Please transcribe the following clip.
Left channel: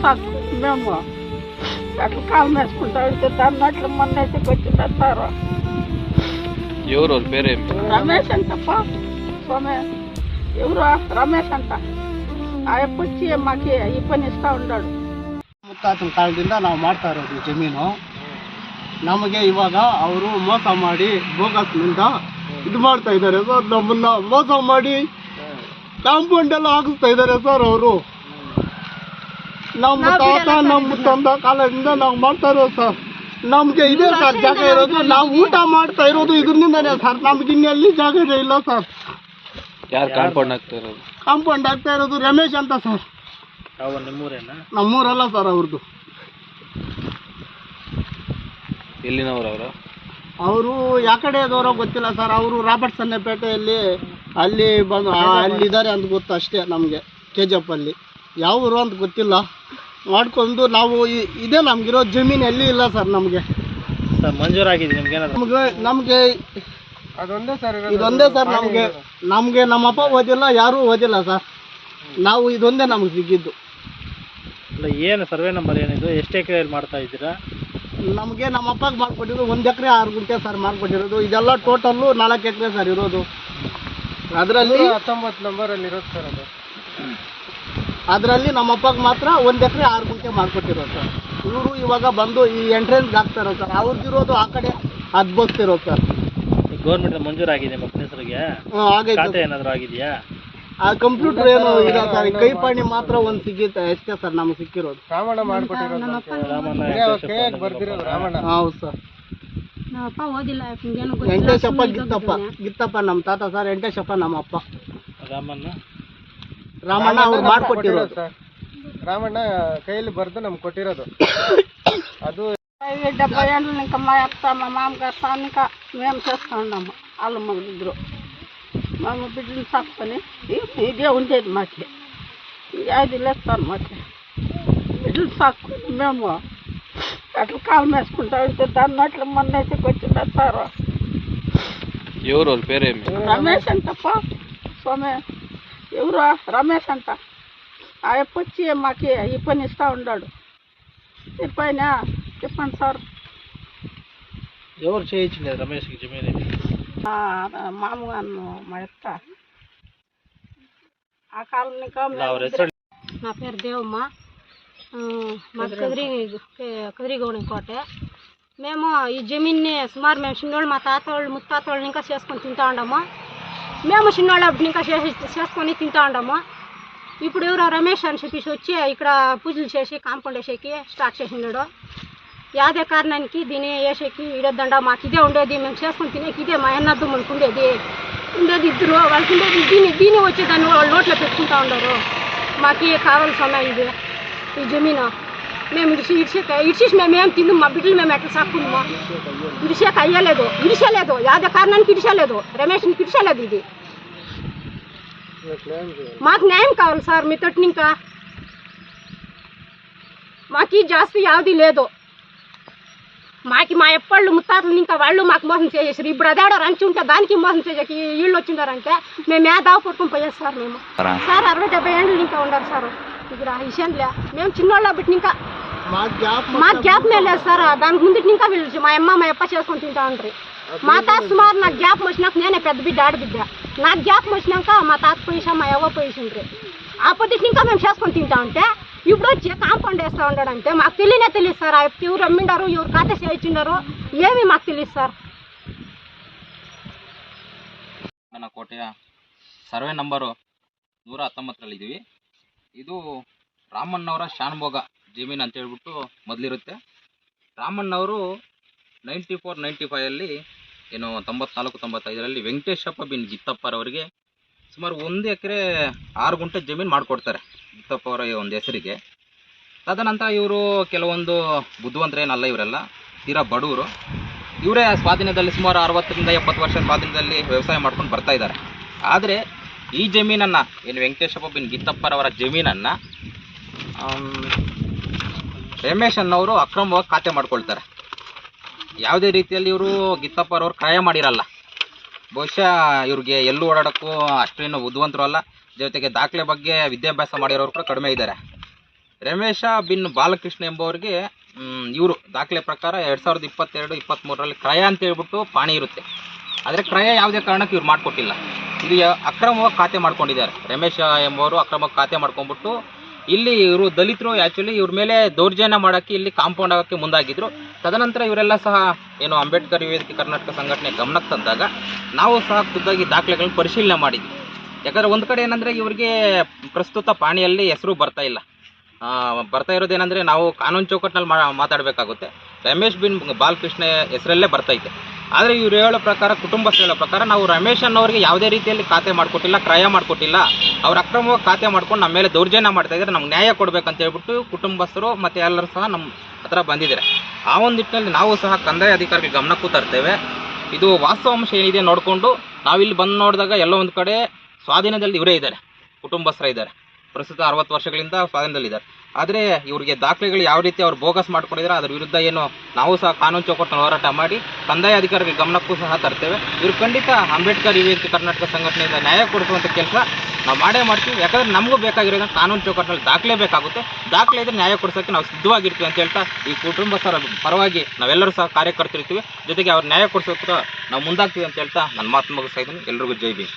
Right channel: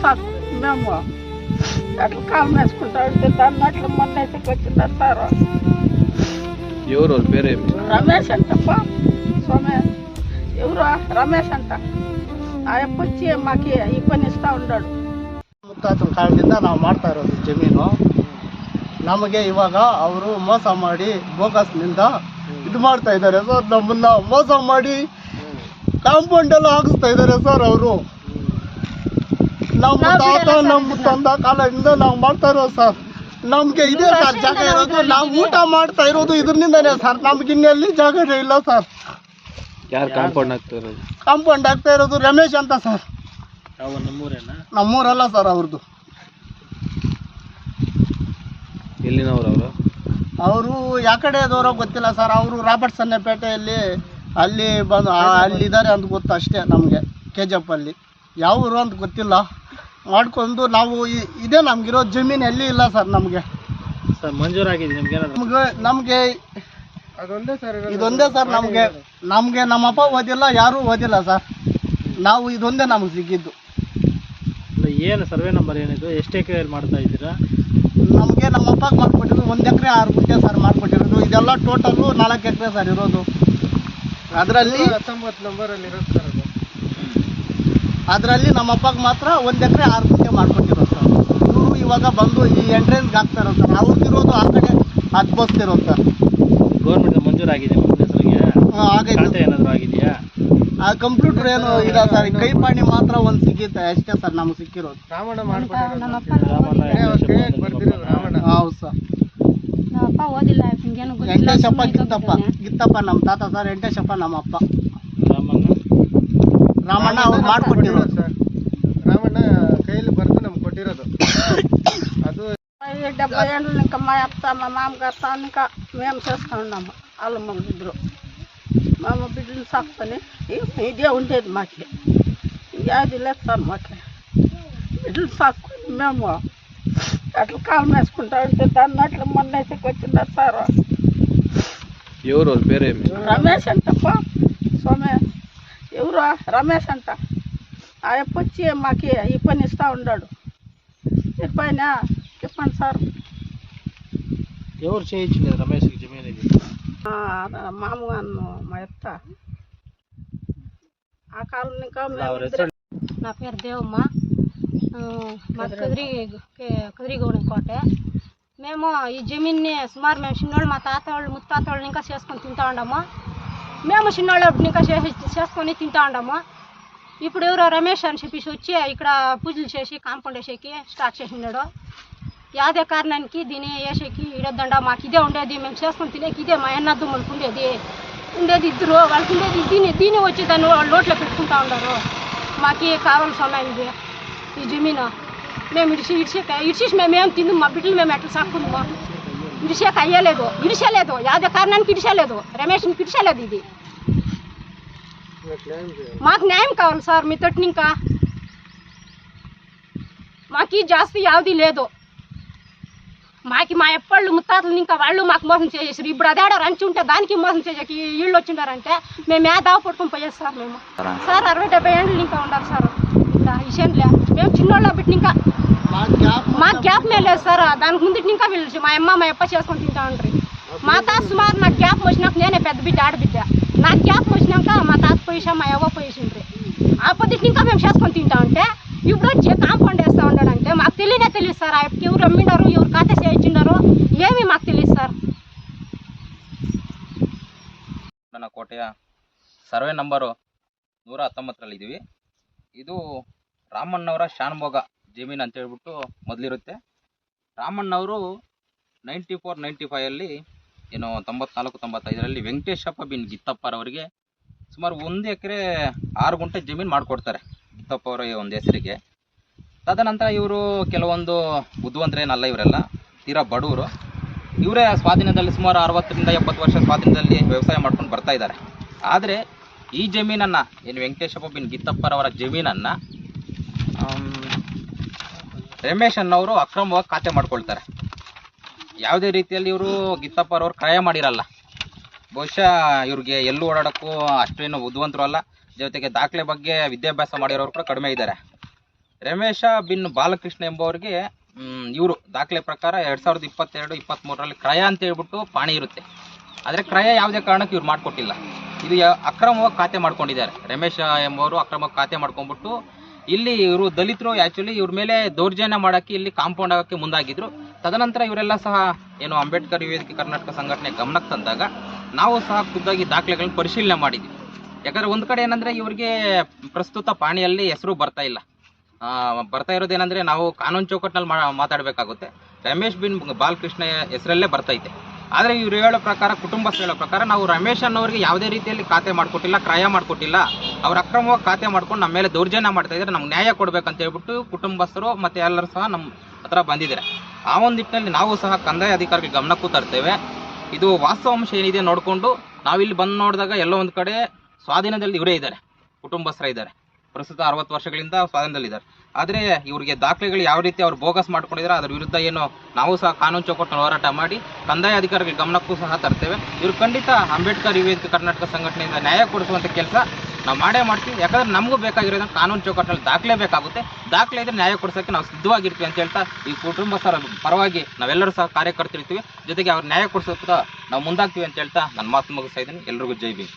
సాకు మేము అట్లా కాలు వేసుకుంటా ఉంటే దాన్ని అట్లా మొన్న వచ్చింది సార్ ఎవరు వాళ్ళ పేరేమి రమేష్ అంటప్ప స్వామి ఎవరు రమేష్ అంట ఆ ಯಪ್ಪ వచ్చి మాకు ఈ పని ఇస్తా ఉన్నాడు ಮುತ್ತಾತನ ಕಾಲದಿಂದ ನಾವು ಮಾಡ್ತಾ ಇರೋದು ಜಮೀನು ನಮಗೆ ಇವಾಗ ಅವರು ಮೋಸ ಮಾಡಿ ಬೋಗಸ್ನಿಂದ ಇದು ಮಾಡ್ತಾ ಇದ್ದಾರೆ ಸರ್ ನಮ್ಮನ್ನ ಮೋಸ ಮಾಡಿ ಕಾಂಪೌಂಡ್ ಎಲ್ಲ ಹಾಕಿಸ್ತಾ ಇದ್ದಾರೆ ಸರ್ ಅವರು ನಮ್ಮ ತಾತ ನಮ್ಮ ತಂದ ಕಾಲದಿಂದ ನಾವು ಮಾಡ್ತಾ ಇರೋದು ಸರ್ ನಮ್ಗೆ ಇದೇ ಸರ್ ಜಾಗ ಇರೋದು ನಾವು ಊಟ ಮಾಡ್ತಾ ಇರೋದು ಇದರಿಂದನೇ ಸರ್ ನಮ್ಗೆ ಇನ್ನೆಲ್ಲಿ ಜಾಗ ಇಲ್ಲ ಸರ್ ಯಾರು ಕಾಂಪೌಂಡ್ ಆಗ್ತಾ ಇರೋದು ಕಾಂಪೌಂಡ್ ಆಗ್ತಾ ಇರೋದು ರಮೇಶ್ ಅಂತ ಸರ್ ನಮ್ಮೂರಲ್ಲ ಸರ್ ಅವ್ರದ್ದು ಎಲ್ಲಿನವ್ರು ಅವರು? ಅವರು ಯಾ ಕಡೆದವರೋ ಗೊತ್ತಿಲ್ಲ ಸರ್. ಅವರು ರಾಬರ್ಟ್ ಪೇಟೆಯಲ್ಲಿ ಅಲ್ಲಿ ಬಂದು ಅಲ್ಲಿ ಅಲ್ಲಿದ್ದಾರೆ ಅಂತ ಗೊತ್ತು ಅಷ್ಟೇ ನಮಗೆ ಕೆ ಜಿ ಎಫ್ ಅಲ್ಲಿ. ಯಾವ ಊರು ಅಂತ ಗೊತ್ತಿಲ್ಲ. ಮಾಡ್ಕೊಂಡು ನಾವು ಇದೆ ನಮಗಿರೋ ಜಮೀನು ಎಲ್ಲಿ ಇಲ್ಲ ಸರ್ ನಮಗೆ. ಸರ್ ಮಂಜೂರಾಗಿದೆ ನಿಮ್ಗೆ ನಮಗೆ ನಮಗೆ ಇದೊಂದೇ ಸರ್ ನಮಗೆ. ನಮಗೆ ನಮ್ಮಪ್ಪ ಓದಿಲ್ಲ ಯಾರೂ ಓದಿಲ್ಲ ಸರ್. ನಾವು ಇದೊಂದೇ ನಮ್ಗೆ ಸಿಕ್ಕಿದ್ದು. ಏನು ಸರ್ವೆ ನಂಬರ್ ಏನಿದು? ಎಷ್ಟು ಎಕರೆಯಲ್ಲಿ ಮಾಡ್ತಾ ಇದ್ದೀರಾ? ನಮಗೆ ನಮ್ಮ ಅಪ್ಪಗೆ ಮಾಡ್ಕೊಟ್ಟಿರೋದು ಒಂದು ಎಕರೆ ಆರು ಗುಂಟೆ ಸರ್ ಮಾಡ್ಕೊಟ್ಟಿರೋದು. ಇದೆಲ್ಲ ಟೋಟಲ್ಲು ನಾಲ್ಕು ಎಕರೆ ಸರ್ ಇರೋದು. ಅದರಲ್ಲಿ ಹತ್ತೊಂಬತ್ತು ನಂಬರಲ್ಲಿ ಇರುತ್ತೆ ಸರ್ ಅದು. ಅದರಲ್ಲಿ ನಮ್ಮ ಅಪ್ಪಗೆ ಮಾತ್ರ ಒಂದು ಎಕರೆ ಆರು ಗುಂಟೆ ಮಾಡ್ಕೊಟ್ಟಿರೋದು ಸರ್. ಇವರು ಇವಾಗ ಬಂದು ಈ ಎಂಟ್ರೆನ್ಸ್ಗೆ ಹಾಕ್ತಾರೋ ಸರ್. ಅವ್ರಿಗಿರೋದು ಆ ಕಡೆ ಹದ್ಬೋಸ್ತಿರೋದು ಸರ್. ಗೌರ್ಮೆಂಟ್ ಮಂಜೂರಾಗಿದೆ ನಿಮ್ಮ ಹೆಸರಿಗೆ. ಹಾಂ ಆಗೈತೆ ಖಾತೆ ಏನಾದರೂ ಆಗಿದೆಯಾ? ಆ ಕಂಪ್ಯೂಟರ್ ಏನು ಇಲ್ಲ ಸರ್. ಕೈಪಾಣಿ ಮಾತ್ರ ಒಂದು ಸಿಗುತ್ತೆ ಅಷ್ಟೇ ಸರ್ ನಮ್ಗೆ ಸಿಕ್ಕಿರೋದು. ರಾಮಣ್ಣ ಹೌದು? ಸರ್. ಸುಮ್ನೆ ಗಿತ್ತಪ್ಪ. ಗಿತ್ತಪ್ಪ ನಮ್ಮ ತಾತ ಸರ್ ಎಂಟೇಶಪ್ಪ ನಮ್ಮ ಅಪ್ಪ ರಾಮಣ್ಣ ಅವರು ಮಾರ್ಕ ರಾಮಣ್ಣ ಕೈಯಲ್ಲಿ ಬರೆತು ನಾವು ಕೊಟ್ಟಿರೋದು. ಅದು 78 ನ ಕಮಾಯಪ್ತ ನಮ್ಮ ಅಮ್ಮ ಕರ್ತಾನಿನ ಮೇಂ ಸೇಸಕೊಂಡೆಮ್ಮ ಅಲ್ಲ ಮಗು ಇದ್ರೋ ನಮ್ಮ ಮಗು ಬಿಡ್ರಿ ಸಾಕ್ತನೆ ಸರ್ ಮತ್ತೆ ಇದು ಸಾಕು. ಮೇಮ್ಮಾ ಅಕ ಕಲ್ ಹಾಕಿಸ್ಕೊಂಡೆ ಅಂತ ಅಣ್ಣಾ ಅklı ಸರ್. ಯುವರ್ ಬೇರೆ ರಮೇಶ್ ಅಂತಪ್ಪ. ಅಂತಾ ఎవరు? రమేష్ అంట. ఆ ఎప్పొచ్చి మాకు ఈ పని ఇస్తూ ఉన్నాడు చెప్పైనా చెప్పండి సార్. ఎవరు చేయించలేదు రమేష్కి జమీన్ మా ఎత్త ఆ కాలం నా పేరు దేవమ్మ. మాది కుదిరి కుదిరిగౌడం కోట. మేము ఈ జమీన్ని సుమారు మేము చిన్నోళ్ళు మా తాత వాళ్ళు ముత్తాత వాళ్ళు ఇంకా చేసుకొని తింటా ఉండము. మేము చిన్నోళ్ళు ఇంకా చేసి చేసుకొని తింటా ఉండము. ఇప్పుడు ఎవరో రమేష్ అని చెప్పేసి వచ్చి ఇక్కడ పూజలు చేసి కాంపౌండ్ వేసేకి స్టార్ట్ చేసినాడు. యాదే కారణానికి దీన్ని వేసేకి ఇడొద్దండ మాకు ఇదే ఉండేది మేము చేసుకొని తినేకి ఇదే మా అన్నద్దు మనకు ఉండేది. ఉండేది ఇద్దరు వాళ్ళకి ఉండేది దీన్ని దీన్ని వచ్చి దాన్ని వాళ్ళ పెట్టుకుంటా ఉండరు. మాకు కావాల్సిన ఇది ఈ జమీన. మేము ఇడిచి ఇడిచి ఇడిచేసి మేము ఏం తిందాం మా బిడ్డలు మేము ఎట్లా సాక్కుందాము. ఇడిచేక అయ్యలేదు ఇడిచలేదు యాదే కారణానికి ఇడిచలేదు రమేష్ని ఇడిచలేదు ఇది మాకు న్యాయం కావాలి సార్ మీ తోటి ఇంకా మాకు ఈ జాస్తి యావది లేదు మాకి మా ఎప్పళ్ళు ముత్తాతలు ఇంకా వాళ్ళు మాకు మోసం చేసేసారు. ఇప్పుడు అదేడో రంచి ఉంటే దానికి మోసం చేసేకి వీళ్ళు వచ్చిండారంటే మేము ఏ దావ పట్టుకుని పోయేది సార్ మేము? సార్? అరవై డెబ్బై ఏళ్ళు ఇంకా ఉన్నారు సార్. ఇప్పుడు ఆ విషయంలో మేము చిన్నోళ్ళ బిడ్డ ఇంకా మా గ్యాప్ మా గ్యాప్ మీద లేదు సార్. దానికి ముందు ఇంకా వీళ్ళు మా అమ్మ మా అప్ప చేసుకొని తింటా ఉంటారు మా తాత సుమారు నాకు గ్యాప్ వచ్చినాక నేనే పెద్ద బిడ్డ ఆడబిడ్డ. నాకు గ్యాప్ వచ్చినాక మా తాత పోయిసా మా అవ్వ పోయిసిండ్రు. అప్పటికి ఇంకా మేము చేసుకొని తింటా ఉంటే ఇప్పుడు వచ్చి కాంపౌండ్ వేస్తా ఉన్నాడంటే మాకు తెలియనే తెలియదు సార్ ఆ వ్యక్తి ఎవరు అమ్మిండారు ఎవరు ఖాతా చేయించుండారు ఏమీ మాకు తెలియదు సార్ ನನ್ನ ಕೋಟೆಯ ಸರ್ವೆ ನಂಬರು ನೂರ ಹತ್ತೊಂಬತ್ತರಲ್ಲಿದ್ದೀವಿ ಇದು ರಾಮಣ್ಣವರ ಶಾನ್ಭೋಗ ಜಮೀನು ಅಂತ ಹೇಳ್ಬಿಟ್ಟು ಮೊದಲಿರುತ್ತೆ ರಾಮಣ್ಣವರು ನೈಂಟಿ ಫೋರ್ ನೈಂಟಿ ಫೈವಲ್ಲಿ ಏನು ತೊಂಬತ್ನಾಲ್ಕು ತೊಂಬತ್ತೈದರಲ್ಲಿ ವೆಂಕಟೇಶಪ್ಪ ಬಿನ್ ಗಿತ್ತಪ್ಪರವರಿಗೆ ಸುಮಾರು ಒಂದು ಎಕರೆ ಆರು ಗುಂಟೆ ಜಮೀನು ಮಾಡಿಕೊಡ್ತಾರೆ ಗಿತ್ತಪ್ಪ ಅವರ ಒಂದು ಹೆಸರಿಗೆ. ತದನಂತರ ಇವರು ಕೆಲವೊಂದು ಬುದ್ಧಿವಂತರೇನಲ್ಲ ಇವರೆಲ್ಲ. ತೀರಾ ಬಡವರು. ಇವರೇ ಸ್ವಾಧೀನದಲ್ಲಿ ಸುಮಾರು ಅರವತ್ತರಿಂದ ಎಪ್ಪತ್ತು ವರ್ಷ ಸ್ವಾಧೀನದಲ್ಲಿ ವ್ಯವಸಾಯ ಮಾಡ್ಕೊಂಡು ಬರ್ತಾ ಇದ್ದಾರೆ. ಆದರೆ ಈ ಜಮೀನನ್ನು, ಏನು ವೆಂಕಟೇಶಪ್ಪ ಬಿನ್ ಗಿತ್ತಪ್ಪರವರ ಜಮೀನನ್ನು ರಮೇಶ್ ಅನ್ನೋರು ಅಕ್ರಮವಾಗಿ ಖಾತೆ ಮಾಡ್ಕೊಳ್ತಾರೆ. ಯಾವುದೇ ರೀತಿಯಲ್ಲಿ ಇವರು ಗಿತ್ತಪ್ಪರವ್ರು ಕ್ರಯ ಮಾಡಿರಲ್ಲ. ಬಹುಶಃ ಇವ್ರಿಗೆ ಎಲ್ಲೂ ಓಡಾಡೋಕ್ಕೂ ಅಷ್ಟೇನು ಬುದ್ಧಿವಂತರು ಅಲ್ಲ. ಜೊತೆಗೆ ದಾಖಲೆ ಬಗ್ಗೆ ವಿದ್ಯಾಭ್ಯಾಸ ಮಾಡಿರೋರು ಕೂಡ ಕಡಿಮೆ ಇದ್ದಾರೆ. ರಮೇಶ ಬಿನ್ ಬಾಲಕೃಷ್ಣ ಎಂಬುವರಿಗೆ ಇವರು ದಾಖಲೆ ಪ್ರಕಾರ ಎರಡು ಸಾವಿರದ ಇಪ್ಪತ್ತೆರಡು ಇಪ್ಪತ್ತ್ಮೂರರಲ್ಲಿ ಕ್ರಯ ಅಂತ ಹೇಳ್ಬಿಟ್ಟು ಪಾಣಿ ಇರುತ್ತೆ. ಆದರೆ ಕ್ರಯ ಯಾವುದೇ ಕಾರಣಕ್ಕೆ ಇವ್ರು ಮಾಡಿಕೊಟ್ಟಿಲ್ಲ. ಯ- ಅಕ್ರಮವಾಗಿ ಖಾತೆ ಮಾಡ್ಕೊಂಡಿದ್ದಾರೆ. ರಮೇಶ ಎಂಬುವರು ಅಕ್ರಮವಾಗಿ ಖಾತೆ ಮಾಡ್ಕೊಂಡ್ಬಿಟ್ಟು ಇಲ್ಲಿ ಇವರು ದಲಿತರು ಆ್ಯಕ್ಚುಲಿ ಇವ್ರ ಮೇಲೆ ದೌರ್ಜನ್ಯ ಮಾಡೋಕ್ಕೆ ಇಲ್ಲಿ ಕಾಂಪೌಂಡ್ ಆಗೋಕ್ಕೆ ಮುಂದಾಗಿದ್ರು. ತದನಂತರ ಇವರೆಲ್ಲ ಸಹ ಏನು ಅಂಬೇಡ್ಕರ್ ವೇದಿಕೆ ಕರ್ನಾಟಕ ಸಂಘಟನೆ ಗಮನಕ್ಕೆ ತಂದಾಗ ನಾವು ಸಹ ಖುದ್ದಾಗಿ ದಾಖಲೆಗಳನ್ನು ಪರಿಶೀಲನೆ ಮಾಡಿದ್ವಿ. ಯಾಕಂದರೆ ಒಂದು ಕಡೆ ಏನಂದರೆ ಇವರಿಗೆ ಪ್ರಸ್ತುತ ಪಾಣಿಯಲ್ಲಿ ಹೆಸರು ಬರ್ತಾ ಇಲ್ಲ. ಬರ್ತಾ ಇರೋದೇನೆಂದರೆ ನಾವು ಕಾನೂನು ಚೌಕಟ್ಟಿನಲ್ಲಿ ಮಾ, ಮಾತಾಡಬೇಕಾಗುತ್ತೆ. ರಮೇಶ್ ಬಿನ್ ಬಾಲಕೃಷ್ಣ ಹೆಸರಲ್ಲೇ ಬರ್ತೈತೆ ಆದರೆ ಇವ್ರು ಹೇಳೋ ಪ್ರಕಾರ, ಕುಟುಂಬಸ್ಥರು ಹೇಳೋ ಪ್ರಕಾರ ನಾವು ರಮೇಶ್ ಅನ್ನೋರಿಗೆ ಯಾವುದೇ ರೀತಿಯಲ್ಲಿ ಖಾತೆ ಮಾಡಿಕೊಟ್ಟಿಲ್ಲ, ಕ್ರಯ ಮಾಡಿಕೊಟ್ಟಿಲ್ಲ. ಅವ್ರು ಅಕ್ರಮವಾಗಿ ಖಾತೆ ಮಾಡ್ಕೊಂಡು ನಮ್ಮ ಮೇಲೆ ದೌರ್ಜನ್ಯ ಮಾಡ್ತಾ ಇದ್ದಾರೆ. ನಮ್ಗೆ ನ್ಯಾಯ ಕೊಡ್ಬೇಕಂತ ಹೇಳ್ಬಿಟ್ಟು ಕುಟುಂಬಸ್ಥರು ಮತ್ತು ಎಲ್ಲರೂ ಸಹ ನಮ್ಮ ಹತ್ರ ಬಂದಿದ್ದಾರೆ. ಆ ಒಂದು ನಿಟ್ಟಿನಲ್ಲಿ ನಾವು ಸಹ ಕಂದಾಯ ಅಧಿಕಾರಿಗಳ ಗಮನಕ್ಕೂ ತರ್ತೇವೆ. ಇದು ವಾಸ್ತವಾಂಶ ಏನಿದೆ ನೋಡಿಕೊಂಡು ನಾವಿಲ್ಲಿ ಬಂದು ನೋಡಿದಾಗ ಎಲ್ಲೋ ಒಂದು ಕಡೆ ಸ್ವಾಧೀನದಲ್ಲಿ ಇವರೇ ಇದ್ದಾರೆ, ಕುಟುಂಬಸ್ಥರ ಇದ್ದಾರೆ. ಪ್ರಸ್ತುತ ಅರವತ್ತು ವರ್ಷಗಳಿಂದ ಸ್ವಾಧೀನದಲ್ಲಿದ್ದಾರೆ ಆದರೆ ಇವರಿಗೆ ದಾಖಲೆಗಳು ಯಾವ ರೀತಿ ಅವ್ರು ಬೋಗಸ್ ಮಾಡ್ಕೊಂಡಿದ್ದಾರೆ ಅದರ ವಿರುದ್ಧ ಏನು ನಾವು ಸಹ ಕಾನೂನು ಚೌಕಟ್ಟನ್ನು ಹೋರಾಟ ಮಾಡಿ ಕಂದಾಯ ಅಧಿಕಾರಿಗಳ ಗಮನಕ್ಕೂ ಸಹ ತರ್ತೇವೆ. ಇವರು ಖಂಡಿತ ಅಂಬೇಡ್ಕರ್ ವೇದಿಕೆ ಕರ್ನಾಟಕ ಸಂಘಟನೆಯಿಂದ ನ್ಯಾಯ ಕೊಡಿಸುವಂಥ ಕೆಲಸ ನಾವು ಮಾಡೇ ಮಾಡ್ತೀವಿ. ಯಾಕಂದ್ರೆ ನಮಗೂ ಬೇಕಾಗಿರೋದು ಕಾನೂನು ಚೌಕಟ್ಟಿನಲ್ಲಿ ದಾಖಲೆ ಬೇಕಾಗುತ್ತೆ. ದಾಖಲೆ ಇದ್ರೆ ನ್ಯಾಯ ಕೊಡಿಸೋಕ್ಕೆ ನಾವು ಸಿದ್ಧವಾಗಿರ್ತೀವಿ ಅಂತ ಹೇಳ್ತಾ ಈ ಕುಟುಂಬಸ್ಥರ ಪರವಾಗಿ ನಾವೆಲ್ಲರೂ ಸಹ ಕಾರ್ಯಕರ್ತರಿರ್ತೀವಿ. ಜೊತೆಗೆ ಅವ್ರು ನ್ಯಾಯ ಕೊಡಿಸೋಕೆ ನಾವು ಮುಂದಾಗ್ತೀವಿ ಅಂತ ಹೇಳ್ತಾ ನನ್ನ ಮಾತು ಮುಗಿಸ್ತಾ ಇದ್ದೀನಿ. ಎಲ್ರಿಗೂ ಜೈ ಭೀಮ್.